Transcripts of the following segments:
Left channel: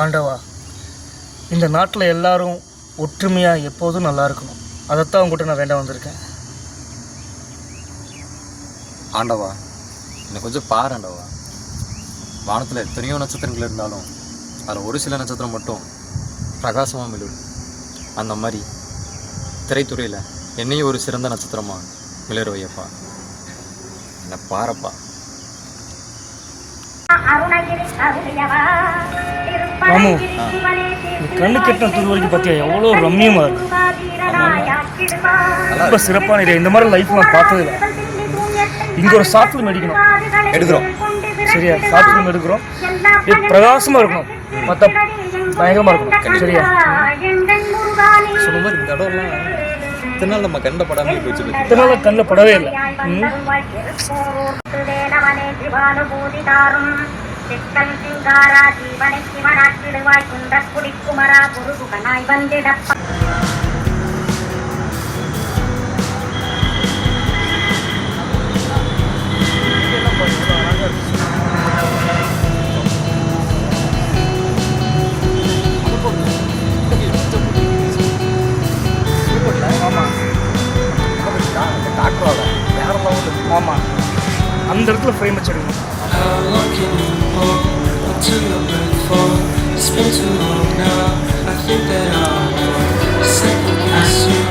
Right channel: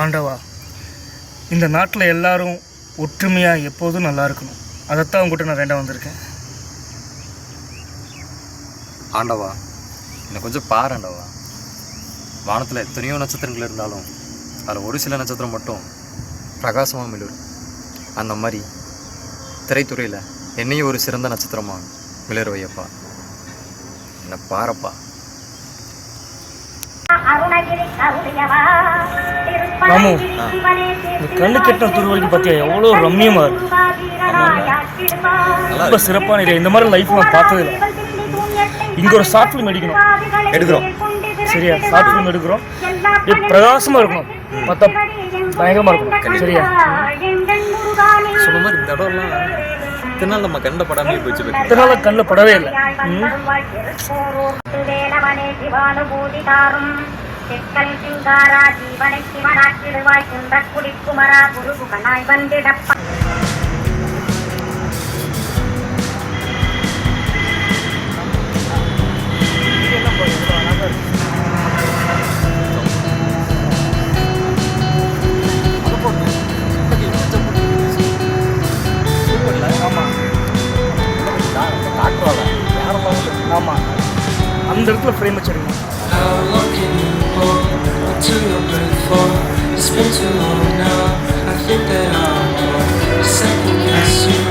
ஆண்டவா இந்த நாட்டில் எல்லாரும் ஒற்றுமையாக எப்போதும் நல்லா இருக்கணும். அதைத்தான் உங்ககிட்ட நான் வேண்டாம் வந்திருக்கேன். ஆண்டவா என்னை கொஞ்சம் பாரு ஆண்டவா. வானத்தில் எத்தனையோ நட்சத்திரங்கள் இருந்தாலும் அதில் ஒரு சில நட்சத்திரம் மட்டும் பிரகாசமாக மிளிரும். அந்த மாதிரி திரைத்துறையில் என்னையும் ஒரு சிறந்த நட்சத்திரமாக மிளற வையப்பா என்னை பாரப்பா. மாமு இந்த கண்ணு கெட்ட தூரம் வரைக்கும் பார்த்தியா எவ்வளோ ரம்மியமாக இருக்கு. ரொம்ப சிறப்பான இது இந்த மாதிரி லைஃப் நான் பார்த்தது இல்லை. இங்கே ஒரு ஷார்ட் ஃபிலிம் அடிக்கணும் எடுக்கிறோம். சரியா? ஷார்ட் ஃபிலிம் எடுக்கிறோம். இது பிரகாசமாக இருக்கணும். பார்த்தா பயங்கரமாக இருக்கும் சரியா? சொன்ன மாதிரி இந்த இடம்லாம் இத்தனை நாள் நம்ம கண்ட படாமல் போச்சு இதனால கண்ணில் படவே இல்லை. ம் வந்திடப்ப. Until your breath fall? It's been too long now. I think that I want second guess you.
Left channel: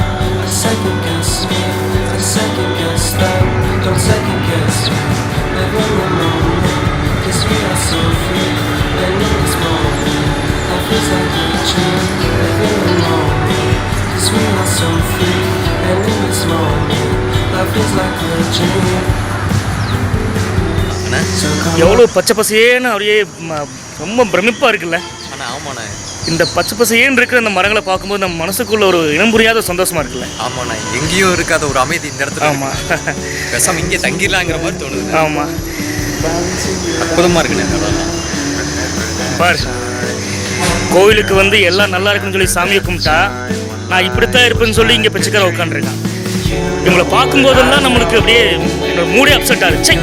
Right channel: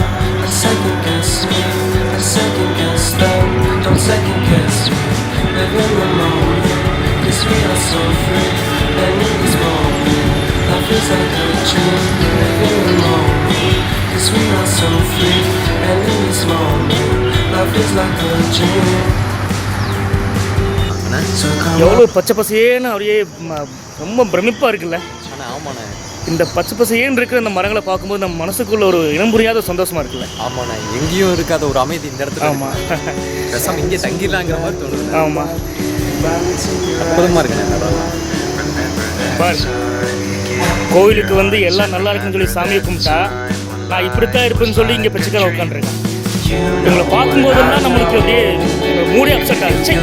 I second guess me. I second guess them. Don't second guess me. Live in the moment. Cause we are so free. And in this moment, life feels like a dream. Live in the moment. Cause we are so free. And in this moment, life feels like a dream. எவ்வளோ பச்சை பசேன்னு அப்படியே ரொம்ப பிரமிப்பாக இருக்குல்ல? இந்த பச்சை பசேன்னு இருக்கிற அந்த மரங்களை பார்க்கும்போது நம்ம மனசுக்குள்ள ஒரு இனம் புரியாத சந்தோஷமா இருக்குல்ல? ஆமாண்ணே எங்கேயும் இருக்காத ஒரு அமைதி இந்த இடத்துல ஆமாம் இங்கே தங்கிடலாங்கிற மாதிரி தோணுது. ஆமாம் அற்புதமாக இருக்குண்ணே கோயிலுக்கு வந்து எல்லாம் நல்லா இருக்குன்னு சொல்லி சாமியை கும்பிட்டா நான் இப்படித்தான் இருப்பேன்னு சொல்லி இங்கே பிச்சைக்கார உட்காந்துருக்கேன் இவங்களை பார்க்கும்போதெல்லாம் நம்மளுக்கு அப்படியே மூடி அப்செட் ஆச்சு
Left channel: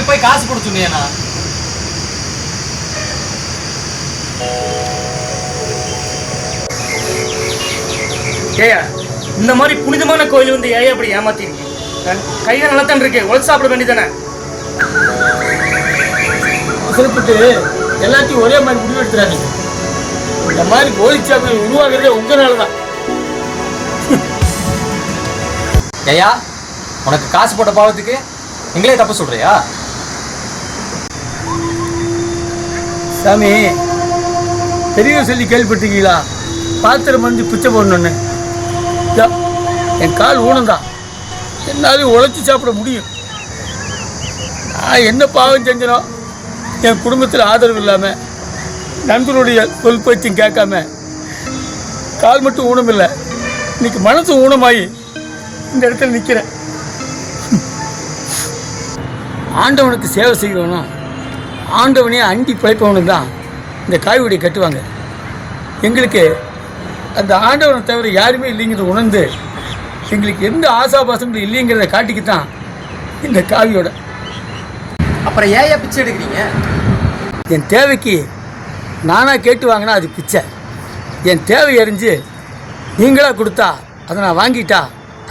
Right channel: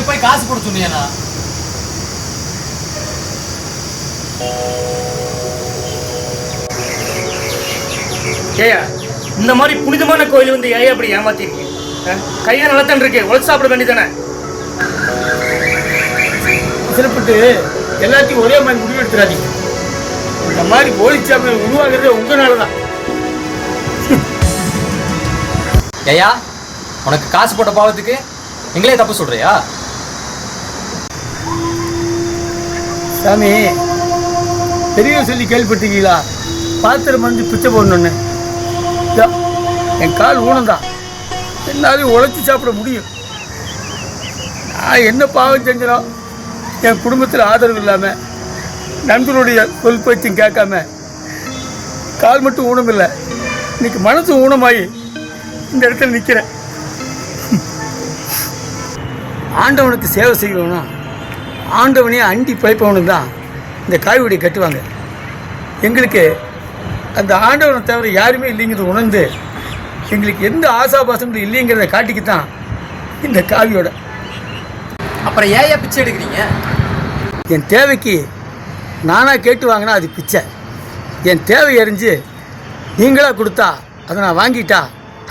இவனுக்கு போய் காசு போட சொன்னியாண்ணா ஏயா இந்த மாதிரி புனிதமான கோயில் வந்து ஏன் அப்படி ஏமாத்திருக்கீங்க? கையில நல்லா தான் இருக்கு உழைச்சு சாப்பிட வேண்டியதானே எல்லாத்தையும் ஒரே மாதிரி முடிவு எடுத்துடாதீங்க. இந்த மாதிரி போலீஸ்காரர்கள் உருவாகிறதே உங்களால தான் ஐயா உனக்கு காசு போட்ட பாவத்துக்கு எங்களே தப்பு சொல்றியா? சாமி பெரியவர் சொல்லி கேள்விப்பட்டிருக்கீங்களா? பாத்திரம் வந்து பிச்சை போடணுன்னு என் கால் ஊனந்தான் என்னாலையும் உழைச்சி சாப்பிட முடியும். நான் என்ன பாவம் செஞ்சிடும் என் குடும்பத்தில் ஆதரவு இல்லாமல் நண்பனுடைய சொல் பேச்சும் கேட்காம கால் மட்டும் ஊனமில்லை. இன்னைக்கு மனசு ஊனமாயி இந்த இடத்துல நிற்கிறேன் ஆண்டவனுக்கு சேவை செய்யணும். ஆண்டவனே அண்டி பிழைப்பவனுக்கு தான் இந்த காய்கறி கட்டுவாங்க. எங்களுக்கு அந்த ஆண்டவனை தவிர யாருமே இல்லைங்கிறத உணர்ந்து எங்களுக்கு எந்த ஆசாபாசங்களும் இல்லைங்கிறத காட்டிக்கித்தான் இந்த காவியோட. அப்புறம் ஏன் பிச்சை எடுக்கிறீங்க? என் தேவைக்கு நானாக கேட்டு வாங்கினா அது பிச்சை. என் தேவை அறிஞ்சு நீங்களா கொடுத்தா அதை நான் வாங்கிட்டா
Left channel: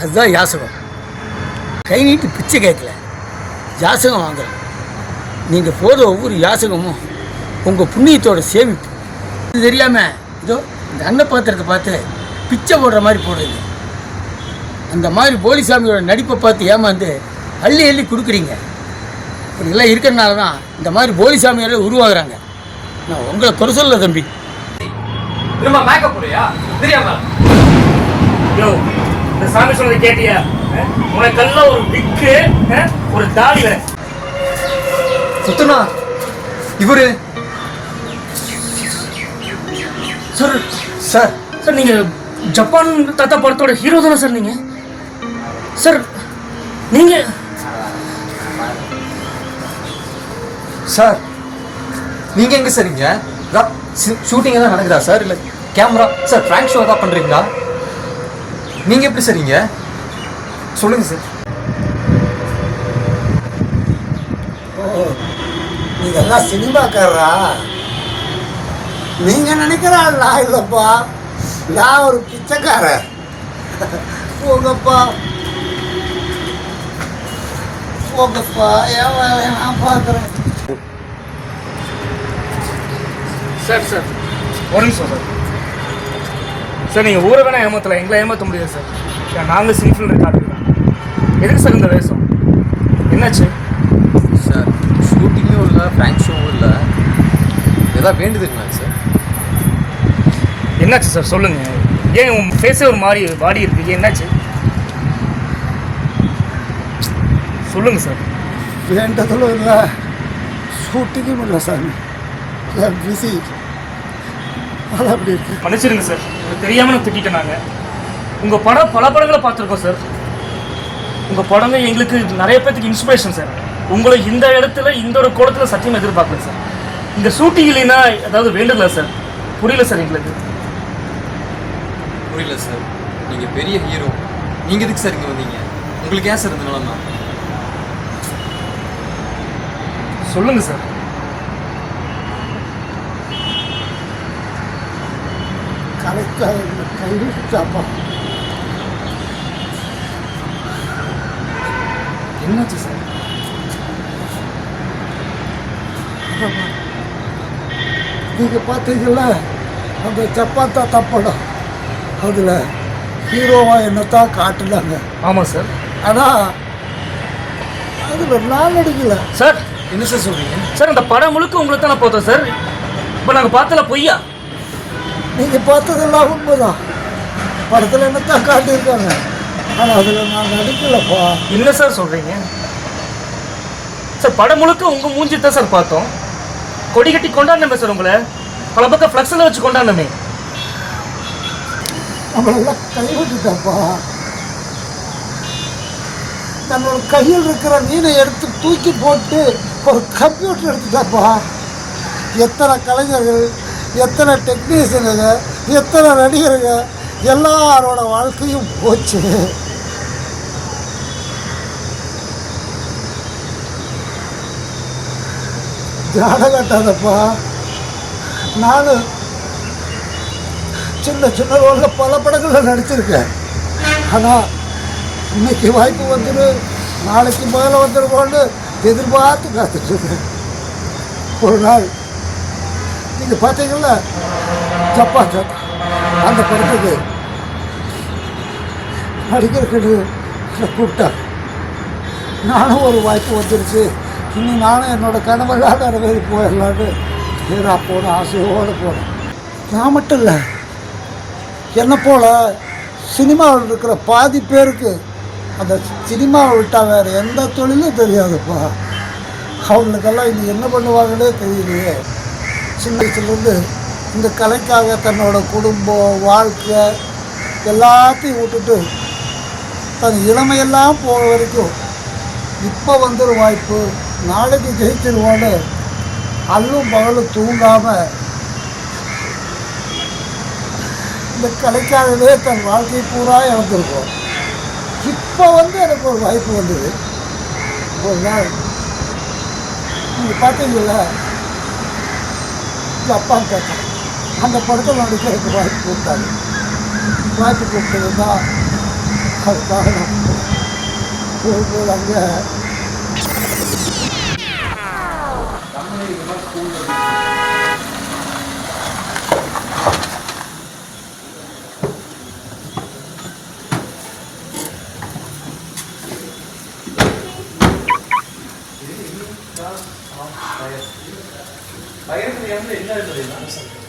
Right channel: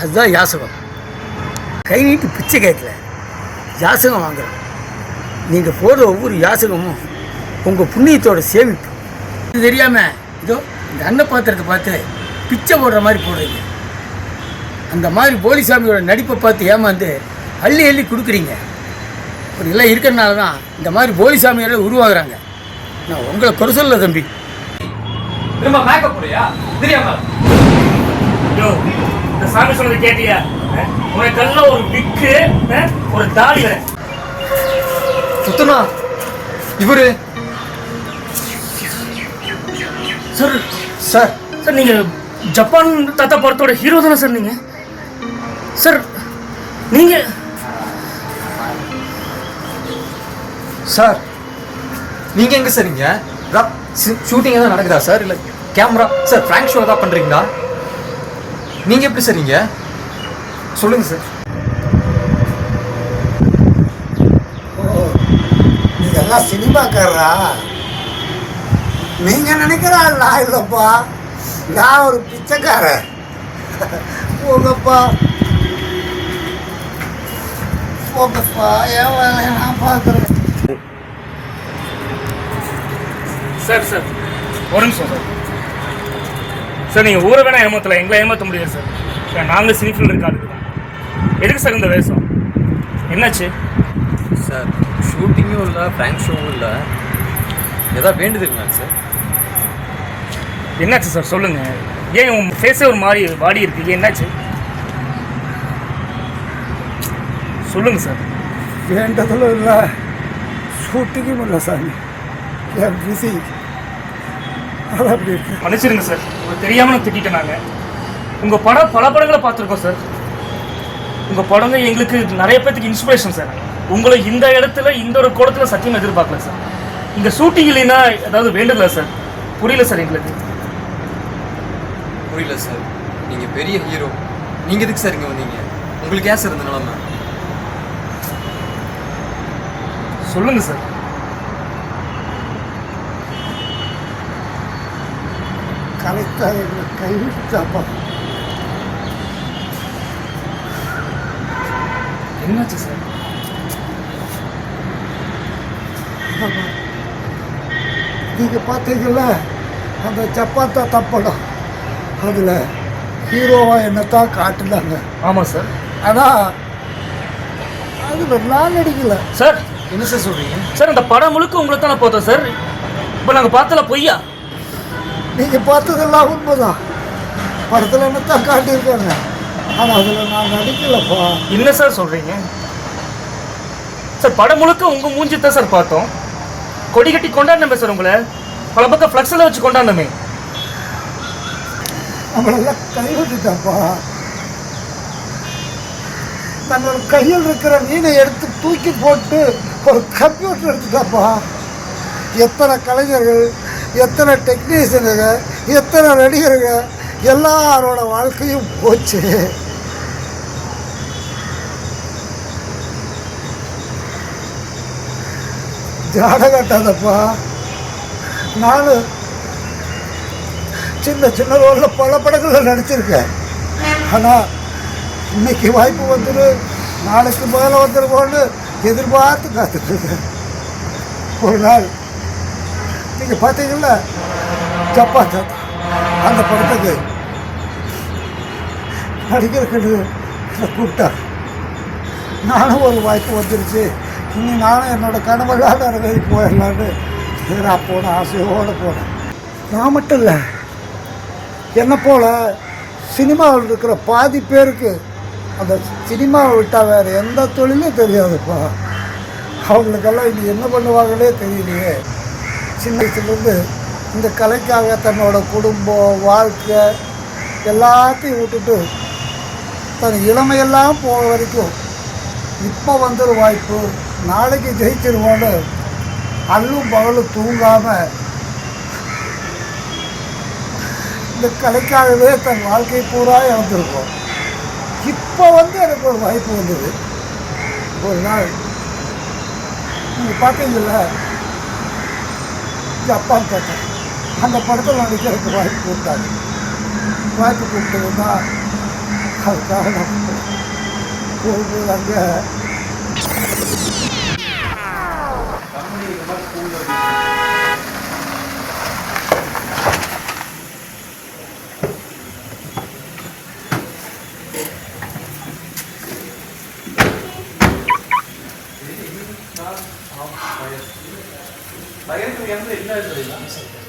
அதுதான் யாசகம். கை நீட்டி பிச்சை கேட்கல. யாசகம் வாங்கலாம் நீங்கள் போதும் ஒவ்வொரு யாசகமும் உங்கள் புண்ணியத்தோட சேமிப்பு. இது தெரியாமல் இதோ இந்த அன்னப்பாத்திரத்தை பார்த்து பிச்சை போடுற மாதிரி போடுறீங்க அந்த மாதிரி போலிசாமியோட நடிப்பை பார்த்து ஏமாந்து அள்ளி அள்ளி கொடுக்குறீங்க. இதெல்லாம் இருக்கிறனால தான் இந்த மாதிரி போலிசாமியாரே உருவாகுறாங்க. நான் உங்களை குறை சொல்ல தம்பி. திரும்ப மேக்கப் தெரியாம. சாமி சொன்னதை கேட்டியா? உனக்கு கல்ல ஒரு பிக்கு ஒரு தாலி. சுத்தமா இவரு? Sir sir. சார் நீங்க ஜப்பான் தாத்தா படத்தோட ஹீரோ தானே சார் நீங்க? சார் நீங்க சார் நீங்கள் எங்கே சார் இங்கே ஷூட்டிங் எதாவது நடக்குதா சார்? இல்லை கேமரா சார் ஃப்ராங்க் ஷோ தான் பண்ணுறீங்களா நீங்கள் எப்படி சார் இங்கே சொல்லுங்கள் சார். நீங்கெல்லாம் சினிமாக்காரரா? நீங்கள் நினைக்கிற ஆள் நான் இல்லைப்பா. நான் ஒரு பிச்சைக்காரன். போங்கப்பா. போங்கப்பா. ஏன் நான் பார்க்குறேன்? Sir sir. ஒரு நிமிஷம் சார். சார் நீங்கள் ஊரை வேணால் ஏமாற்றலாம் எங்களை ஏமாற்ற முடியாது சார். நாங்கள் சினிஃபில் இருக்காது எதுக்கு சார் இந்த வேஷம்? என்னாச்சு? ஷூட்டிங்கும் இல்லை ஃப்ராங்க் ஷோவும் இல்லை. ஏதாவது வேண்டுதல் சார் என்னாச்சு சார் சொல்லுங்க. ஏன் உன் ஃபேஸே ஒரு மாதிரி வாடி இருக்கு? என்னாச்சு? சொல்லுங்க சார் வேண்டதிலும் இல்லை ஷூட்டிங்கும் இல்லை சாமி பிஸி அது அப்படி இருக்கு. மன்னிச்சிருங்க சார் அது தெரியாம நான் திட்டிட்டேன் நாங்கள் உங்கள் படம் பல படங்களை பார்த்துருக்கோம் சார் உங்கள் படம் தான் எங்களுக்கு நிறைய பேத்துக்கு இன்ஸ்பிரேஷன் சார் உங்களை இந்த இடத்துல இந்த ஒரு கோலத்தில் சத்தியம் எதிர்பார்க்கல சார் இந்த ஷூட்டிங் இல்லைன்னா ஏதாவது வேண்டுதல சார் புரியல சார் எங்களுக்கு. புரியல சார் நீங்கள் பெரிய ஹீரோ நீங்கள் எதுக்கு சார் இங்கே வந்தீங்க? உங்களுக்கு ஏன் சார் இந்த நிலமை? சொல்லுங்க சார் கரெக்டாக கைவிட்டாப்பா என்னாச்சு சார் நீங்கள் பார்த்தீங்களா அந்த சப்பாத்தா தப்படம். அதில் ஹீரோவாக என்னத்தான் காட்டுனாங்க. ஆமாம் சார் ஆனால் அதில் நான் நடிக்கல. சார் என்ன சார் சொல்கிறீங்க சார் இந்த படம் முழுக்க உங்களை தான் பார்த்தோம் சார் இப்போ நாங்கள் பார்த்தல பொய்யா? நீங்கள் பார்த்ததெல்லாம் உண்மைதான். படத்தில் என்னத்தான் காட்டியிருக்காங்க. ஆனால் அதில் நான் நடிக்கலப்பா. என்ன சார் சொல்றீங்க? சார் படம் முழுக்க உங்க மூஞ்சி தான் சார் பார்த்தோம். கொடி கட்டி கொண்டாடணுமே சார் உங்களை. பல பக்கம் ஃப்ளக்ஸில் வச்சு கொண்டாடணுமே. நம்மளெல்லாம் கைவிட்டுட்டாப்பா. தன்னோட கையில் இருக்கிற மீனை எடுத்து தூக்கி போட்டு ஒரு கம்ப்யூட்டர் எடுத்துட்டாப்பா. எத்தனை கலைஞர்கள் எத்தனை டெக்னீஷியனுங்க எத்தனை நடிகருங்க எல்லாரோட வாழ்க்கையும் போச்சு. ஜாடகட்டாதப்பா நானும் சின்ன சின்ன ரோலில் பல படங்களில் நடிச்சிருக்கேன். ஆனால் இன்னைக்கு வாய்ப்பு வந்துடு நாளைக்கு மேலே வந்துருவோன்னு எதிர்பார்த்து காத்துட்டுருந்தேன் ஒரு நாள் நீங்கள் பார்த்தீங்களா ஜப்பாக்க அந்த படத்துக்கு நடிக்கிறதுக்கு கூப்பிட்டேன் நானும் ஒரு வாய்ப்பு வந்துருச்சு. இனி நானும் என்னோட கனவெல்லாம் நிறைவேறி போயிடலான்னு ஏதா போன ஆசையோடு போனேன் நான் மட்டும் இல்லை. என்னை போல சினிமாவில் இருக்கிற பாதி பேருக்கு அந்த சினிமாவை விட்டால் வேறு எந்த தொழிலும் தெரியாதுப்பா. அவங்களுக்கெல்லாம் இது என்ன பண்ணுவாங்களே தெரியலையே. சின்ன வயசுலேருந்து இந்த கலைக்காக தன்னோட குடும்பம் வாழ்க்கை எல்லாத்தையும் விட்டுட்டு தன் இளமையெல்லாம் போகிற வரைக்கும் இப்போ வந்துடும் வாய்ப்பு நாளைக்கு ஜெயிச்சிருவோன்னு அல்லும் பகலும் தூங்காமல் இந்த கலைக்காகவே தன் வாழ்க்கை பூரா இழந்திருக்கோம் இப்போ வந்து எனக்கு ஒரு வாய்ப்பு வந்தது. ஒரு நாள் நீங்கள் பார்த்தீங்களா எங்கள் அப்பா கேட்டேன் அந்த படத்தில் நடிக்கிறதுக்கு வாய்ப்பு கொடுத்தாங்க வாய்ப்பு கொடுத்துருந்தா அதுக்காக நான் போகும்போது அங்கே பயிருக்கு வந்து என்ன எழுதுறீங்க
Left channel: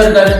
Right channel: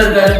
பார்த்தா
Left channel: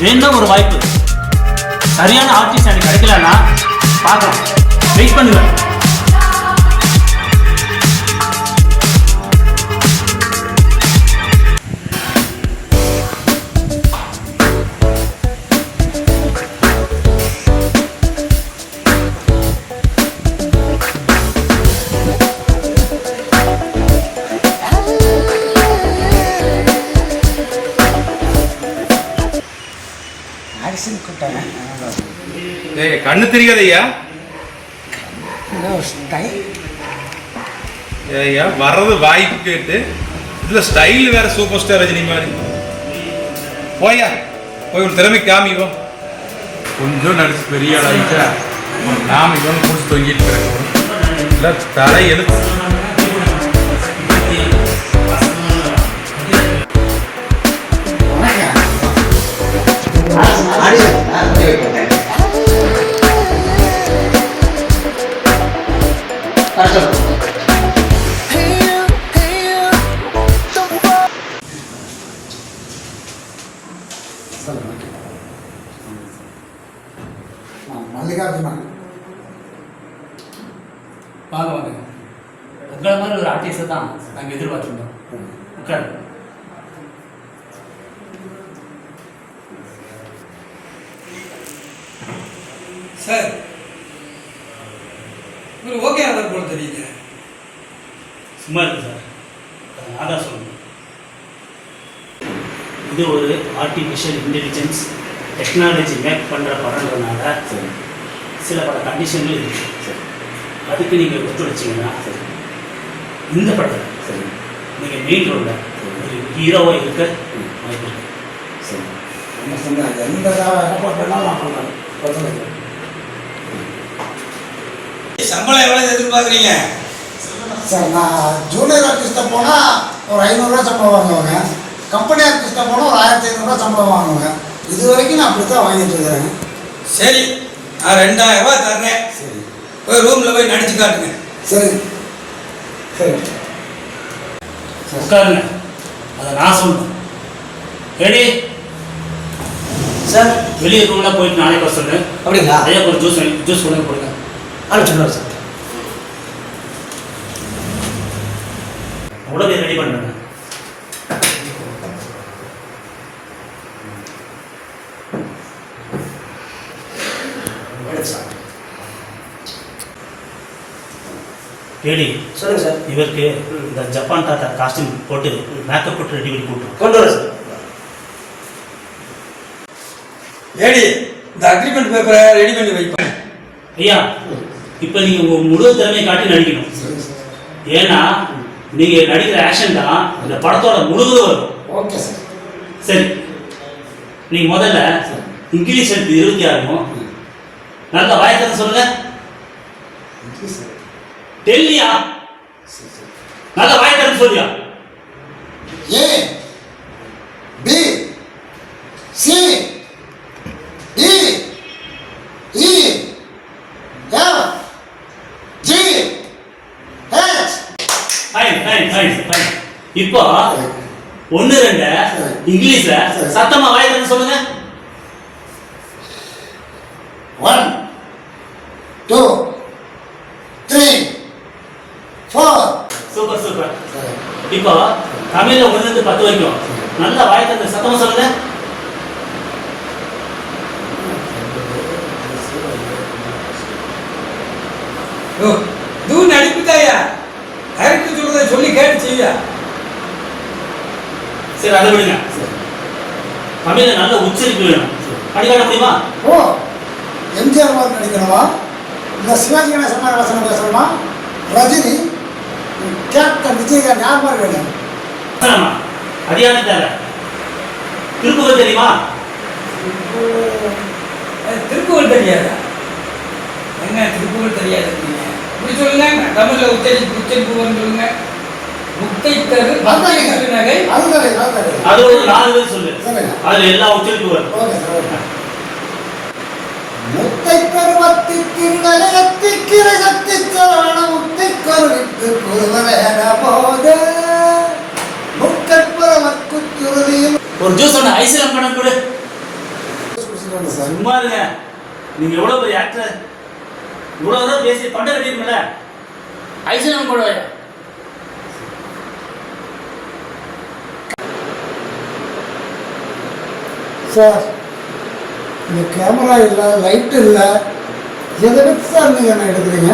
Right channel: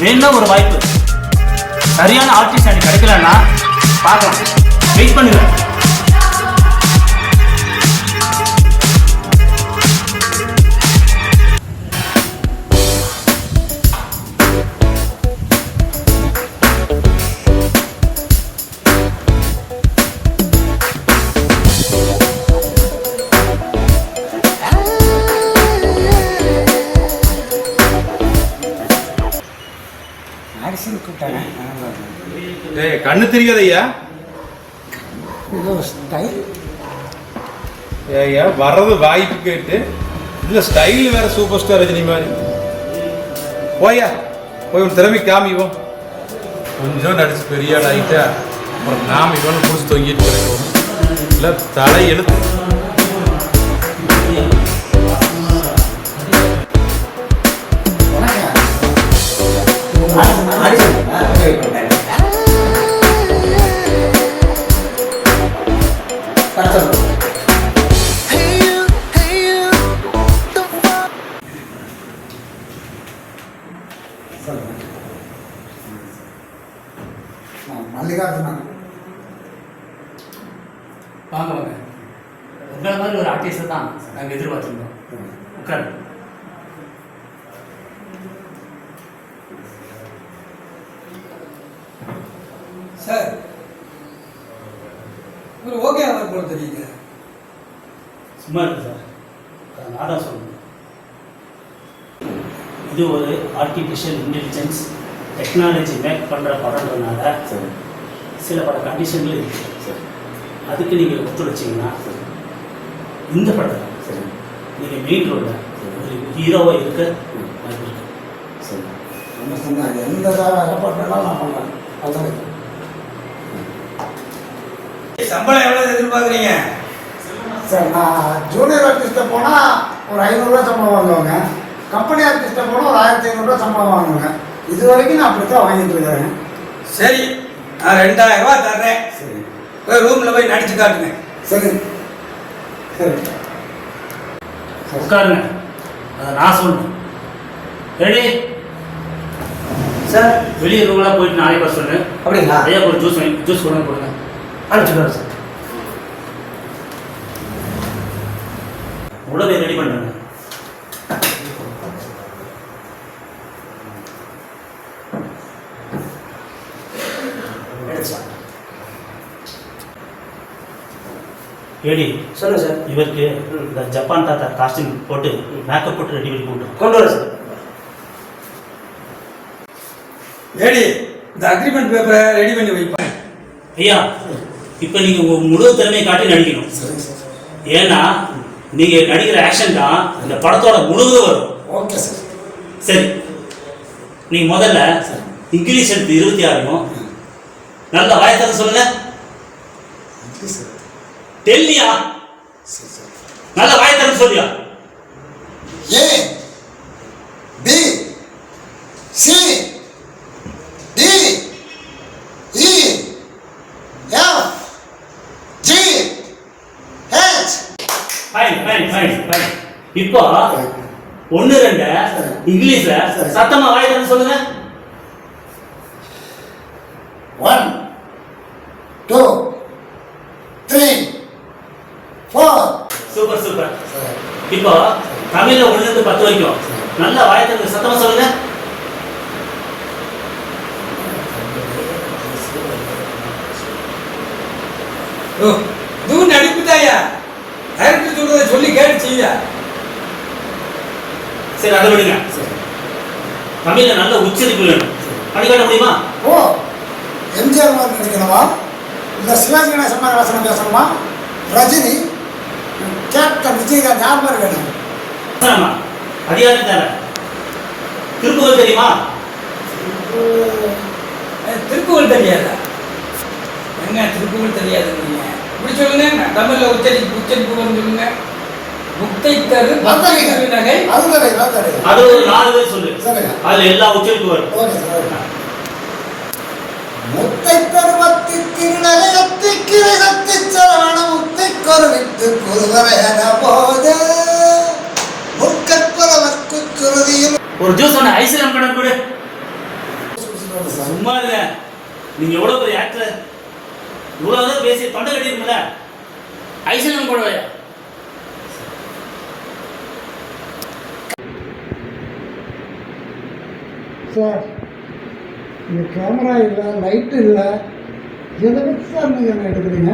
வேணா ஒரு வாய்ப்பு. சரியான ஆர்டிஸ்ட் எனக்கு கிடைக்கலன்னா பார்க்கலாம். வெயிட் பண்ணுங்க. கண்ணு தெரியாத ஐயா ஸ்டைல் ஐயா வர்றது வாய்ப்பு கேட்டு. இதுல ஸ்டைல் வேற சூப்பர் ஸ்டார் ரஜினி மாதிரி. போயா போய் ஒரு திறமை காமிவோம். கொஞ்சம் நடிச்சு பெரிய ஆள் ஆயிட்டா ஒரு காமிவோம் புடிச்சு தொங்கிட்டு தலை எழுத்து இன்டெலிஜென்ஸ் டெக்னாலஜி மேக் பண்ணுற படம்ன்றதுனால சில பல கண்டிஷன்கள் இருக்கு. அதுக்கு நீங்கள் ஒத்துழைச்சிங்கன்னா இந்த படத்தில் நீங்கள் மெயின் ரோலில் ஒரு ஹீரோவாக இருக்க வாய்ப்பு இருக்கு. ரொம்ப சொன்னாங்க எந்த ரெப்போர்ட் வேணாலும் நான் பண்ணுறேன் அவ்வளோதான் சம்பளம் எவ்வளோ எதிர்பார்க்குறீங்க? சார் நான் ஜூனியர் ஆர்டிஸ்ட்டை போனால் ஒரு ஐநூறுரூவா சம்பளம் வாங்குவாங்க. கம்பெனி ஆர்டிஸ்ட்டை போனால் ஒரு ஆயிரத்தி ஐநூறுரூவா சம்பளம் வாங்குவாங்க இது வரைக்கும் நான் அப்படி தான் வாங்கிட்டு இருக்கிறேன். சரி நான் ரெண்டாயிரம் ரூபாய் தர்றேன். சரி. போய் ரூமில் போய் நடிச்சு காட்டுங்க. சரி. சரி. உட்காருங்க. அதை நான் சொல்லணும். ரெடி? சார். வெளியே ரூம்லாம் போயிட்டு நாளைக்கு வர சொல்லு. அப்படிங்களா? ஐயா ஒரு ஜூஸ் வாங்கி ஜூஸ் கொண்டு வந்து கொடுங்க. அனுப்பிச்சுடுவார் சார். உடனே ரெடி பண்ணுங்க. ரெடி சொல்லுங்கள் சார். இவருக்கு இந்த ஜப்பான் தாத்தா காஸ்டியூம் போட்டு மேக்கப் போட்டு ரெடி பண்ணி கூட்டும் கொண்டு வர சார். ஏடி இந்த அக்ரிமெண்ட் பேப்பரை ரெடி பண்ணி வைப்பேன் ஐயா இப்போ நீங்கள் உங்கள் முழு திறமையை காட்டி நடிக்கணும். ஏன்னா நீங்கள் நடிக்கிற ஆக்ஷன் தான் இந்த படத்தோட முழுவதும் வரும். Okay sir. சரி. நீ முதல்ல இங்கிலீஷ் எடுத்து இருபத்தி ஆறும். நல்ல வாயத்தம் சொல்லுங்க. டெல்லியா நல்ல வாயத்தம் சொல்லியா. A B C D E F G H fine fine fine fine இப்போ ஒன்று ரெண்டு இங்கிலீஷ்ல சத்தமா வாயத்தம் சொல்லுங்க. One two three four super super இப்போ தமிழ்ல ஒண்ணுல இருந்து பத்து வரைக்கும். நல்ல வாயத்தம் சத்தமா சொல்லுங்க. ஓ இதுவும் நடிப்பு தாயா டைரக்டர் சொல்றதை சொல்லி கேட்டு செய்யா சரி அதை விடுங்க. தமிழ்ல நல்ல உச்சரிப்பு வேணும். முடியுமா? ஓ எம்ஜிஆர் மாதிரி நடிக்கணுமா? இல்லை சிவாஜி கணேசன் மாதிரி வசனம் பேசணுமா? ரஜினி கேப்டன் விஜயகாந்த் யார் மாதிரி வேணும்? அது யாரு தர? திருக்குறள் தெரியுமா? திருப்புகழ் தெரியாதா? என்ன திருப்புகழ் தெரியாது நீங்க? இப்படி சொல்லுங்க தமிழ்ல உச்சரிப்பு உச்சரிப்பு சொல்லுங்க. கரு அதாங்க. நகை. அது ஒரு நாலு பேர் சொல்லு. அதுல எல்லா உச்சரிப்பு வரும். முத்தை பருவத்தி திருநலத்தி கிரகத்தி சரண முத்தை கருவித்து புதுவரையன போத சுருதியில் ஒரு ஜூஸ் ஒன்று ஐஸ்கிரீம் படம் கொடு. சும்மா இருங்க. நீங்க எவ்வளவு பெரிய ஆக்டர் இவ்வளவு தான் பேசி தொண்டை கட்டிருக்கல ஐஸ்கிரீம் கொடு சார் இந்த கேமரா இல்லை லைட் இல்லை. எதை வச்சு சார் நீங்கள் என்ன எடுக்கிறீங்க?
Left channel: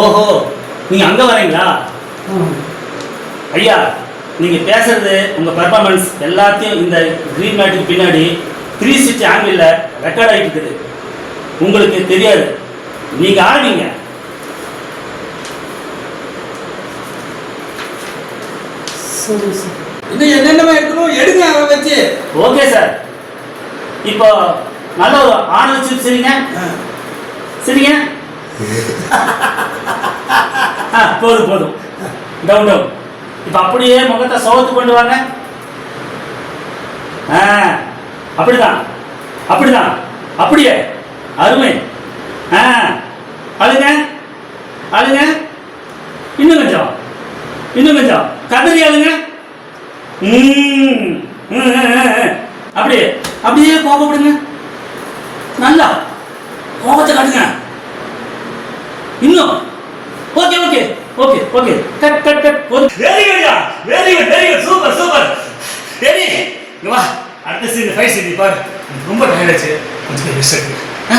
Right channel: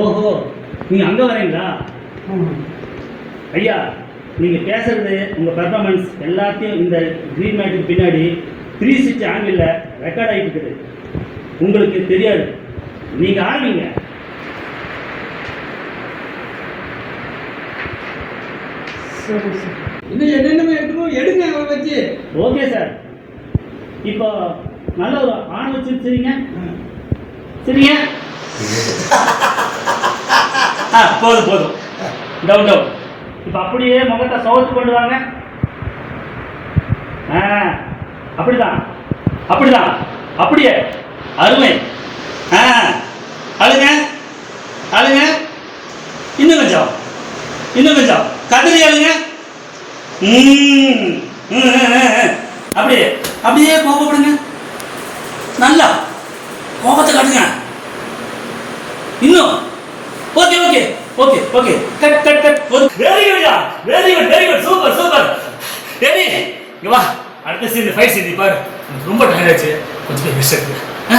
ஓஹோ நீங்க அங்க வரீங்களா? ஐயா நீங்க பேசுறது உங்க பெர்ஃபார்மன்ஸ் எல்லாத்தையும் இந்த கிரீன் மேட்டுக்கு பின்னாடி த்ரீ சிக்ஸ்டி ஆங்கிள் ரெக்கார்ட் ஆகிட்டு இருக்குது. உங்களுக்கு தெரியாது. நீங்க ஆடுவீங்க சரி சார். இன்னும் என்னென்னமா எடுக்கணும்? எடுங்க அதை வச்சு. ஓகே சார் இப்போ நல்ல ஒரு ஆனல் சிப் சரிங்க சரிங்க? ஆ போதும் போதும். டவுன் டவுன் இப்போ அப்படியே முகத்தை சோகத்து கொண்டு வாங்க. அப்படிதான். அப்படிதான். அப்படியே. அருமை. ஆ அழுங்க. அழுங்க. இன்னும் கொஞ்சம். இன்னும் கொஞ்சம். கதறி அழுங்க. அப்படியே. அப்படியே கோபப்படுங்க. நல்லா. கோபத்தை காட்டுங்க. இன்னும். Okay okay. Okay okay cut cut cut போதும் very good very good very good super super ready இங்க வா அடுத்த சீன் ஃபைட் சீன் பாரு. ரொம்ப டயர்ட் ஆச்சு. கொஞ்சம் ரெஸ்ட் எடுங்க ஆ?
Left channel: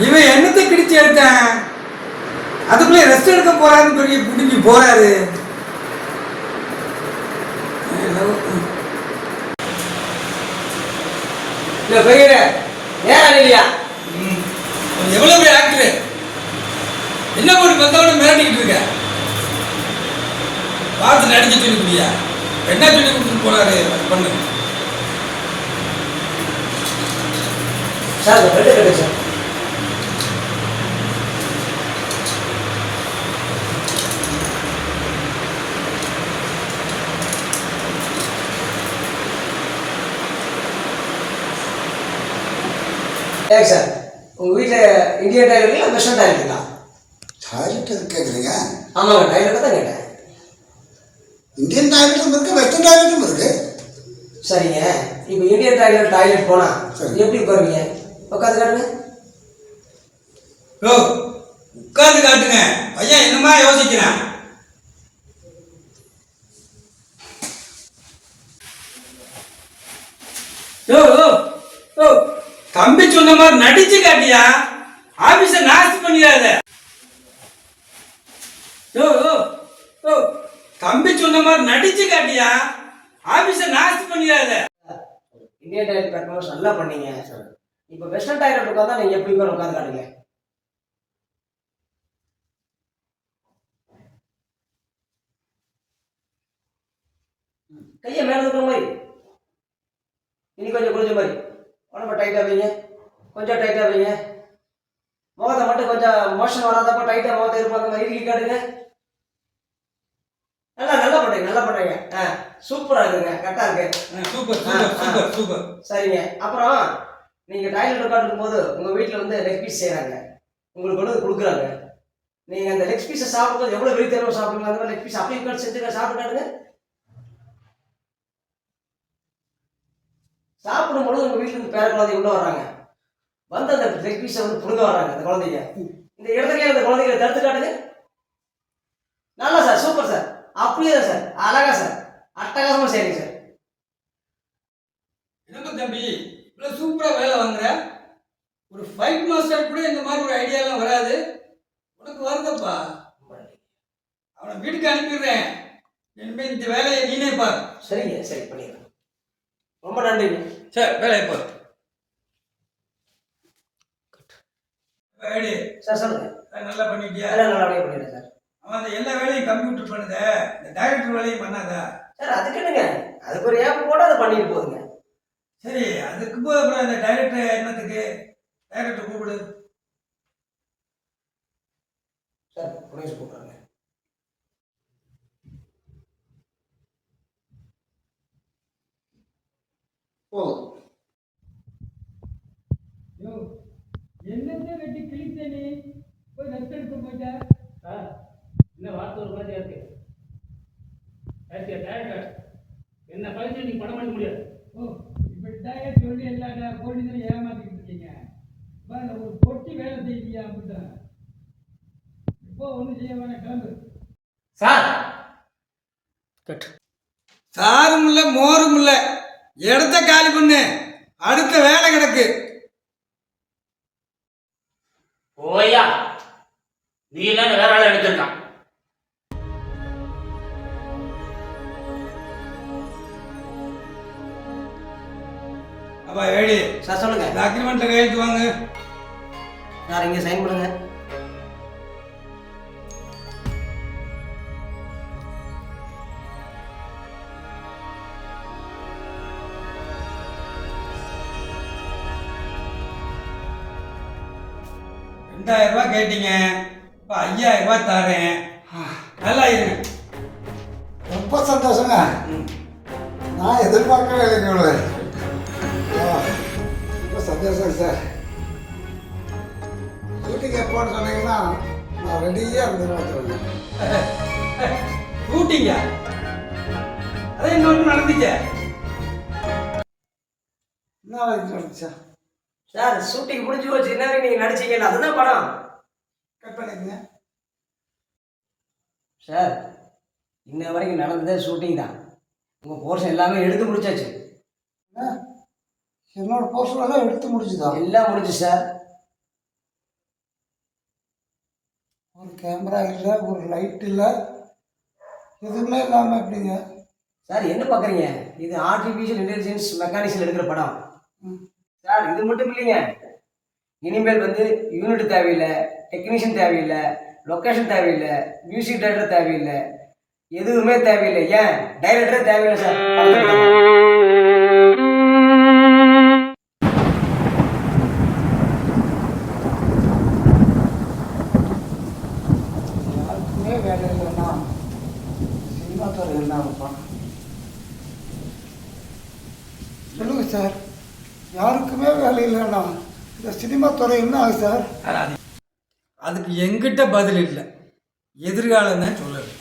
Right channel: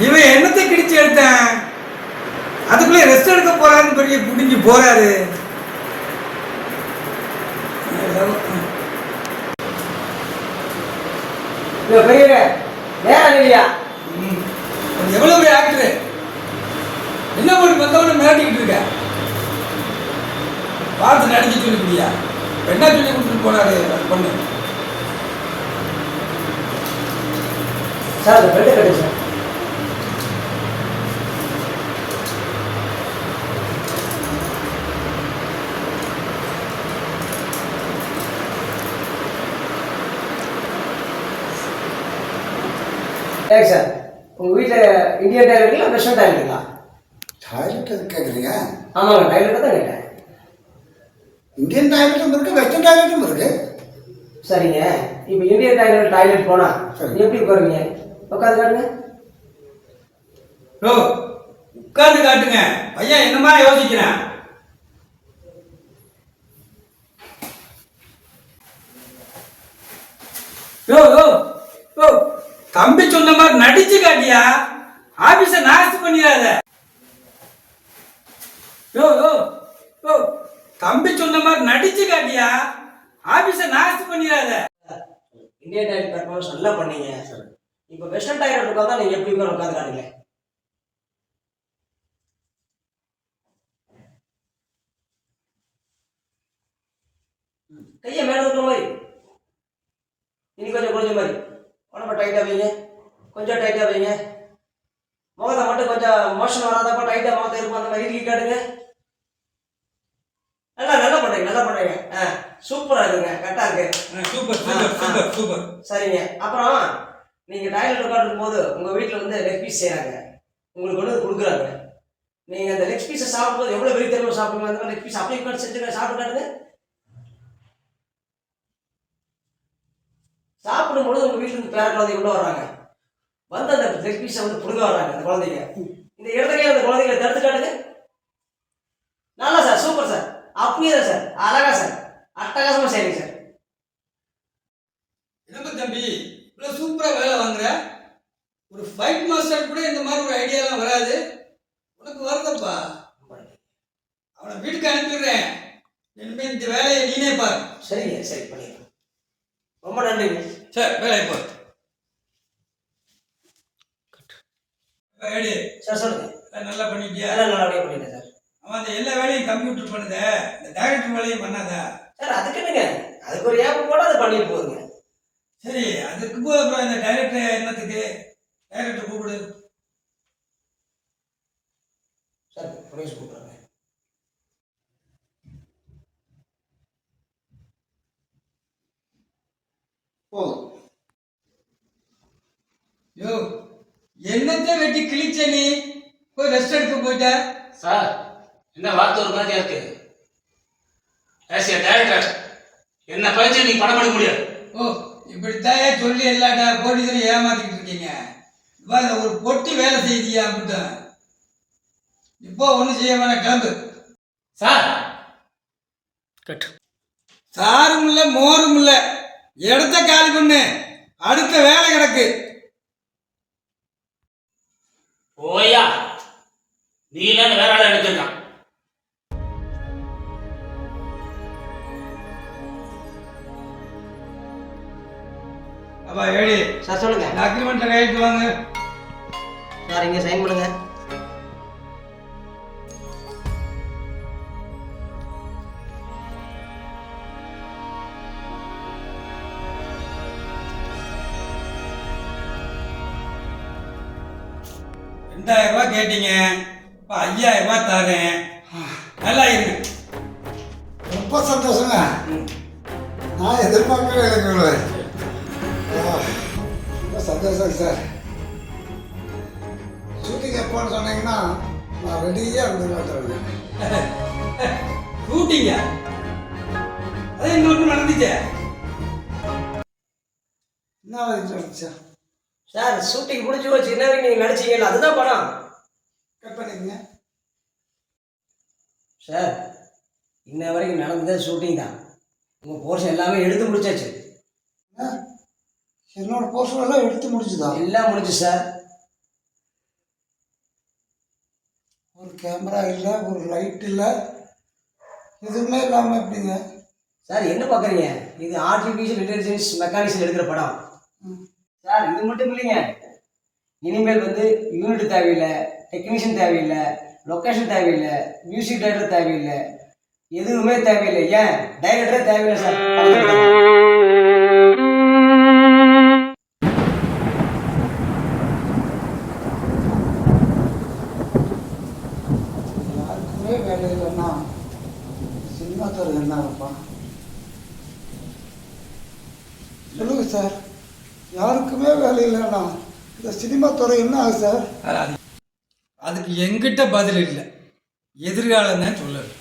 இவன் என்னத்தை கிடிச்சு எடுத்தேன்? அதுக்குள்ளே ரெஸ்ட் எடுக்க போறாருன்னு பெரிய புடிஞ்சு போறாரு. இல்லை இல்லையா ம். அவன் எவ்வளவு பெரிய ஆக்டர் என்ன பண்ணி வந்தவன மிரட்டிக்கிட்டு இருக்க? பார்த்து நடிச்சு சொல்லிக்கிறியா? என்ன சொல்லி கொடுத்துட்டு போனாரு பண்ணு. சார் வெள்ளை கிடைச்சு சார். உங்கள் வீட்டில் இந்தியன் டயர் இருக்குல்ல வெஸ்டர்ன் டயர் இருக்கா? டாய்லெட் கேட்குறீங்க ஆமாங்க டாய்லெட்டை தான் கேட்டேன். இந்தியன் டாய்லெட்டும் இருக்கு வெஸ்டர்ன் டாய்லெட்டும் இருக்கு. சரிங்க. இப்போ இந்தியன் டாய்லெட் டாய்லெட் போனால் சரி. எப்படி உட்காருவீங்க? உட்காந்து காட்டுங்க. ஓ உட்கார்ந்து காட்டுங்க. பையன் என்னமா யோசிக்கிறான்? யோ யோ யோ தம்பி சொன்ன மாதிரி நடிச்சு காட்டியா? ஆபீஸ நாஸ்தி பண்ணிடாத. யோ யோ யோ தம்பி சொன்ன மாதிரி நடிச்சு காட்டியா? ஆபீஸ நாஸ்தி பண்ணிடாத. இந்தியன் டாய்லெட் பெர்ஃபார்மன்ஸ் நல்லா பண்ணீங்க. இப்போ வெஸ்டர்ன் டாய்லெட் உட்காந்தா நீங்க எப்படி பேர் உட்காந்துறாங்க கையை மேலே இருக்கிற மாதிரி. இனி கொஞ்சம் கொஞ்சம் மாதிரி. உடம்ப டைட்டாக வைங்க. கொஞ்சம் டைட்டாக வைங்க. முகத்தை மட்டும் கொஞ்சம் மோஷன் வராதப்ப டைட்டாக முகத்தை இருக்கும் அந்த மாதிரி காட்டுங்க நல்லா நல்லா பண்ணுறீங்க நல்லா பண்ணுறீங்க ஆ சூப்பராக இருக்குங்க கரெக்டாக இருக்கு. சூப்பர் சூப்பர் சூப்பர் சூப்பர் சரிங்க. அப்புறம் நீங்கள் டாய்லெட் உட்காந்துருக்கும் போது உங்கள் வீட்டில் வந்து லெக் பீஸ் செய்கிறாங்க உங்களுக்கு வந்து கொடுக்குறாங்க. நீங்கள் அந்த லெக் பீஸை சாப்பிடும்போது எவ்வளோ வெறித்தனமாக சாப்பிடுங்க அந்த மாதிரி லெக் பீஸ் அப்படியே உட்காந்து செஞ்சுங்க சாப்பிட்டாருங்க சாப்பிடும்பொழுது உங்கள் வீட்டில் இருந்து பேர குழந்தை உள்ள வர்றாங்க. வந்து அந்த லெக் பீஸை வந்து பிடுங்க வர்றாங்க அந்த குழந்தைங்க. இந்த இடத்துலயே அந்த குழந்தைகளை தடுத்து காட்டுங்க. நல்லா சார் சூப்பர் சார் அப்படியே தான் சார் அழகா சார் அட்டகாசமாக சரிங்க சார் என்னப்பா தம்பி இவ்வளவு சூப்பரா வேலை வாங்குற? ஒரு ஃபைட் மாஸ்டர் கூட இந்த மாதிரி ஒரு ஐடியாலாம் வராது. உனக்கு வருதப்பா. அவனை வீட்டுக்கு அனுப்பிடுறேன். இனிமேல் இந்த வேலையை நீனே பார். சரிங்க சரி பண்ணிடலாம். ரொம்ப நன்றிங்க. சரி வேலையை பார். ஐடி சார் சொல்லுங்க. நல்லா பண்ணிட்டியா? எல்லாம் நல்லபடியாக பண்ணிட்டேன் சார். அவன் அந்த எல்லா வேலையும் கம்ப்யூட்டர் பண்ணுத. இந்த டைரக்டர் வேலையும் பண்ணாதா. சார் அதுக்கு என்னங்க? அதுக்கு ஒரு ஏப்பு போட்டு அதை பண்ணிட்டு போகுங்க சரி அதுக்கு போய் அப்புறம் இந்த டைரக்டர் என்னத்துக்கு? டைரக்டர் கூப்பிடு. சார் புனிஷ் கூப்பிட்றாங்க. போதும் யோ வெட்டி கிழிச்ச நீ போய் ரெஸ்ட் எடுக்க போயிட்ட? சார் என்ன வார்த்தை ஒரு மாதிரியா இருக்கு? ஆஸ் ஏ டேரக்டர் என்ன பயிற்சி நீங்க படம் எடுக்க முடியாது? ஓ இப்படித்தாயே சொல்லி எல்லா போலீஸரையும் ஏமாத்திக்கிட்டு இருக்கீங்க? ஒரு பொட்டி வேலை செய்தியா அப்படின்ட்டு இப்போ ஒன்றும் செய்ய வேணாம் கிளம்பு. சார்! கட். சாரும் இல்லை மோரும் இல்லை இடத்த காலி பண்ணு. அடுத்த வேலை கிடக்கு. ஓயா நீ இல்லாம வேற ஆளை எடுத்திருக்கான். அப்பா ஏடி சார் சொல்லுங்க. இந்த அக்ரிமெண்ட்டில் கையெழுத்து வாங்க. சார் இங்கே சைன் பண்ணுங்க. கேட்டீங்க? இப்போ ஐயாயிரம் ரூபாய் தரேன் நல்லா இருங்க. ரொம்ப சந்தோஷங்க. நான் எதிர்பார்க்கவே இல்லைங்க. ஆ, ரொம்ப சந்தோஷம் சார். ஷூட்டிங் எப்போன்னு சொன்னீங்கன்னா நான் ரெடியாக இருந்து கூட்டிங்க அதே இன்னொன்று நடந்துச்சே? என்ன வரைக்கும் நடந்துச்சா? சார் ஷூட்டிங் முடிஞ்சு வச்சு என்ன நீங்கள் நடிச்சீங்கல்ல அதுதான் படம். கட் பண்ணிக்கங்க. சார் இன்ன வரைக்கும் நடந்ததே ஷூட்டிங் தான். உங்கள் போர்ஷன் எல்லாமே எடுத்து முடிச்சாச்சு. என்ன? என்னோட போஸ்டர் எல்லாம் எடுத்து முடிச்சுதா? எல்லாம் முடிச்சு சார். ஒரு கேமரா இல்லை ஒரு லைட் இல்லை. எதுவுமே இல்லாமல் எப்படிங்க? சார் என்ன பார்க்குறீங்க இது ஆர்டிஃபிஷியல் இன்டெலிஜென்ஸ் மெக்கானிக்ஸில் எடுக்கிற படம். சார் இது மட்டும் இல்லைங்க. இனிமேல் வந்து யூனிட் தேவையில்லை. டெக்னீஷியன் தேவையில்லை லொக்கேஷன் தேவையில்லை மியூசிக் டைரக்டர் தேவையில்லை எதுவுமே தேவையில்லை. ஏன்? டைரக்டரே தேவையில்லை சார். யாருக்குமே வேலை இல்லைன்னா சினிமா துறை என்ன இருப்பான் சொல்லுங்க சார் யாருக்குமே வேலை இல்லைன்னா இந்த சினிமா துறை என்ன ஆகுது சார் அதுக்கு எங்கிட்ட பதில் இல்லை. எதிர்காலம் தான் சொல்லலை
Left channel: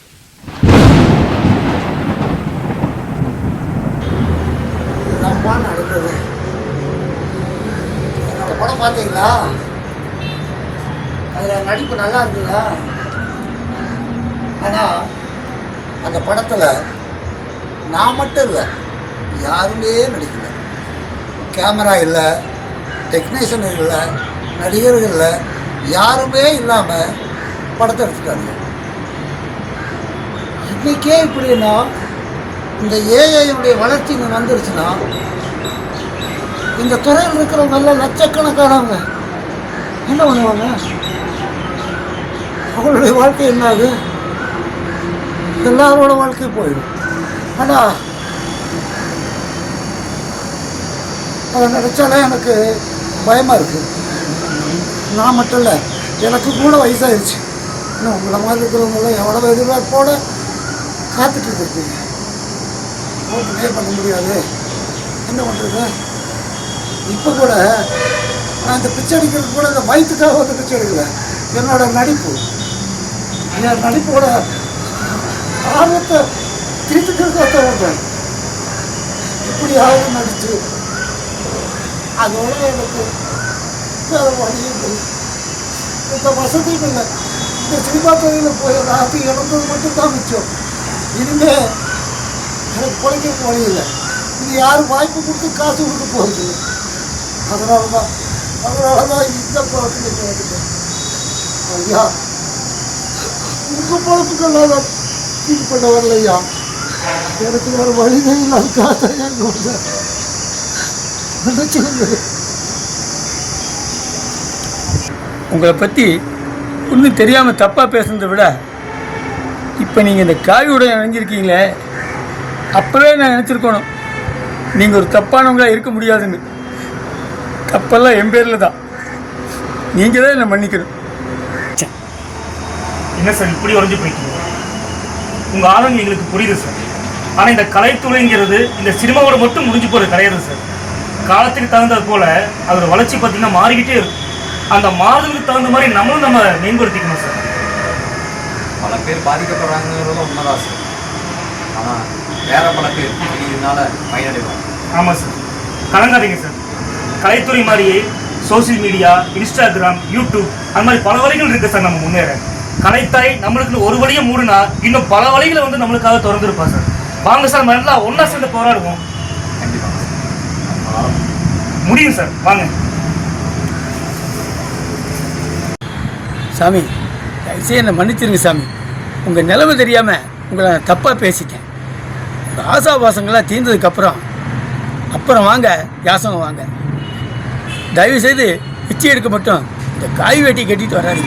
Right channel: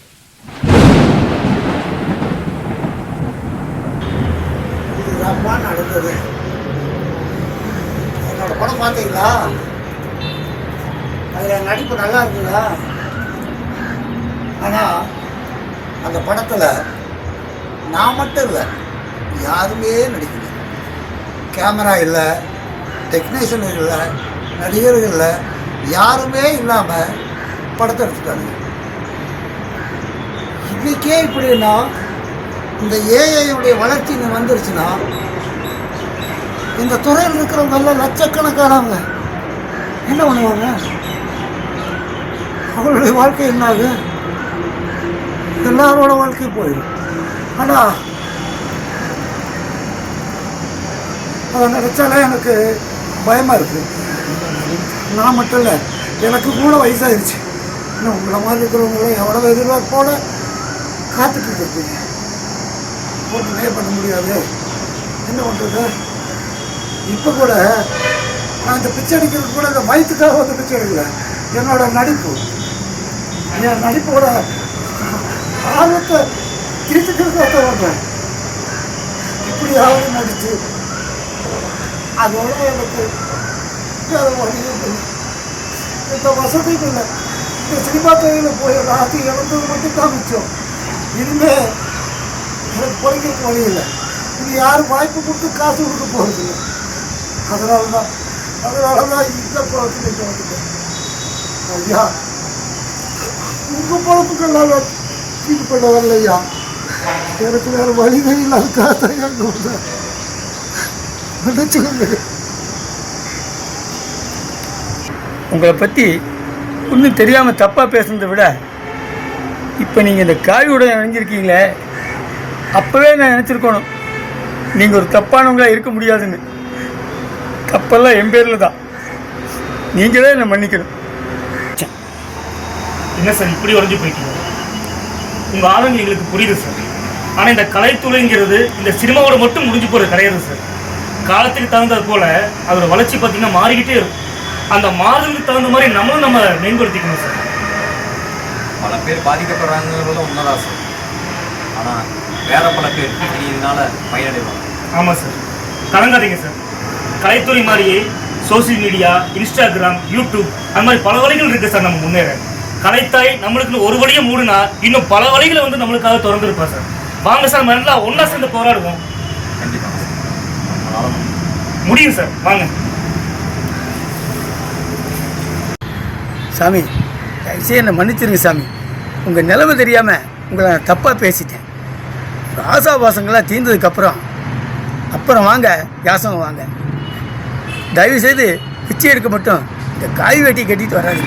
நம்ம நடக்குது என்னோட படம் பார்த்தீங்களா அதில் நடிப்பு நல்லா இருக்குதா ஆனால் அந்த படத்தில் நான் மட்டும் இல்லை. யாருமே நடிக்கல. கேமரா இல்லை. டெக்னீஷியன் இல்லை. நடிகர்கள் இல்லை. யாருமே இல்லாமல் படத்தை எடுத்துட்டாங்க இன்னைக்கே இப்படின்னா இந்த ஏஐயுடைய வளர்ச்சி வந்துருச்சுன்னா இந்த துறையில் இருக்கிறவங்க எல்லாம் லட்சக்கணக்கானவங்க என்ன பண்ணுவாங்க? அவங்களுடைய வாழ்க்கை என்ன ஆகுது எல்லாரோட வாழ்க்கையும் போயிடும். ஆனால் அதை நினச்சாலே எனக்கு பயமாக இருக்குது நான் மட்டும் இல்லை எனக்கு கூட வயசாகிடுச்சு இன்னும் உங்களை மாதிரி இருக்கிறவங்களும் எவ்வளோ எதிர்பார்ப்போட காத்துட்டு இருக்கீங்க ஒன்றுமே பண்ண முடியாது. என்ன பண்ணுறது இப்போ கூட நான் இந்த பிச்சை அடிக்கிறது கூட இந்த வயிற்றுக்காக வந்து பிச்சை எடுக்கல. என்னோட நடிப்பு. என்னோட நடிப்போட ஆர்வத்தை திருத்துக்கிறதுக்காக பண்ணுறேன் எப்படி ஆர்வம் நடிச்சு அதோட எனக்கு வேற வழி இல்லை இந்த வசதியும் இல்லை இந்த சினிமா துறையில் போய் ராசி இழந்தது மட்டும் தான் மிச்சம் இனிமே எனக்கு பிழைக்க வழி இல்லை இது யார் வாய்ப்பு கொடுத்து காசு கொடுக்க போகுது அதனால தான் அதனால தான் இந்த பழக்கத்துக்கு வந்துட்டேன் ஐயா உங்கள் பழப்புக்கு நான் ஃபீல் பண்ண வரல ஐயா எனக்கு வேறு வழியே இல்லாத தான் வந்தேன் மன்னிச்சுக்கோங்க உங்களை பற்றி ஒன்றும் தெரியாமல் தப்பாக பேசுனதை விட இப்போ நீங்கள் இந்த காவியோட இணைஞ்சிருக்கீங்களே அப்போவே நான் நினச்சிருக்கணும். நீங்கள் ஒரு தப்பானவங்களாக இருக்க முடியாதுன்னு. தப்பெல்லாம் என் பேரில் தான். நீங்கள் தான் என்னை மன்னிக்கணும். என்ன சார் இப்படி உறைஞ்சு போயிட்டீங்க? உங்கள் ஆளுங்க எங்களுக்கு புரியுது சார். ஆனால் இந்த கலைத்துறைங்கிறது இந்த சினிமாவோட மட்டும் முடிஞ்சு போகிற கிடையாது சார். காலத்துக்கு தகுந்தது போல் அதோட வளர்ச்சி பார்த்தீங்கன்னா மாறிக்கிட்டே இருக்கும். அந்த மாறுதலுக்கு தகுந்த மாதிரி நம்மளும் நம்ம மேம்படுத்திக்கணும் சார். பல பேர் பாதிக்கப்படுறாங்கிறதுனால உண்மைதான் சார். ஆனால் வேற பல பேர் இதனால பயனடைவாங்க. ஆமாம் சார். கலங்காதீங்க சார். கலைத்துறை மாதிரியே சோஷியல் மீடியா இன்ஸ்டாகிராம் யூடியூப் அந்த மாதிரி பல வழிகள் இருக்கு சார் நம்ம முன்னேற. கலைத்தாய் நம்மளுக்கு ஒரு வழியை மூடுனா இன்னும் பல வழிகளை வந்து நம்மளுக்காக திறந்துருப்பா சார். வாங்க சார் எல்லாம் ஒன்றா சேர்ந்து போராடுவோம். முடியும் சார். வாங்க. சாமி தயவுசெய்து என்னை மன்னிச்சிருங்க சாமி. உங்கள் நிலவு தெரியாமல் உங்களை நான் தப்பாக பேசிட்டேன். உங்கள் ஆசாபாசங்களாக தீர்ந்ததுக்கப்புறம் அப்புறம் வாங்க யாசகம் வாங்க. தயவுசெய்து பிச்சை எடுக்க மட்டும் இந்த காய் வெட்டி கட்டிட்டு வராது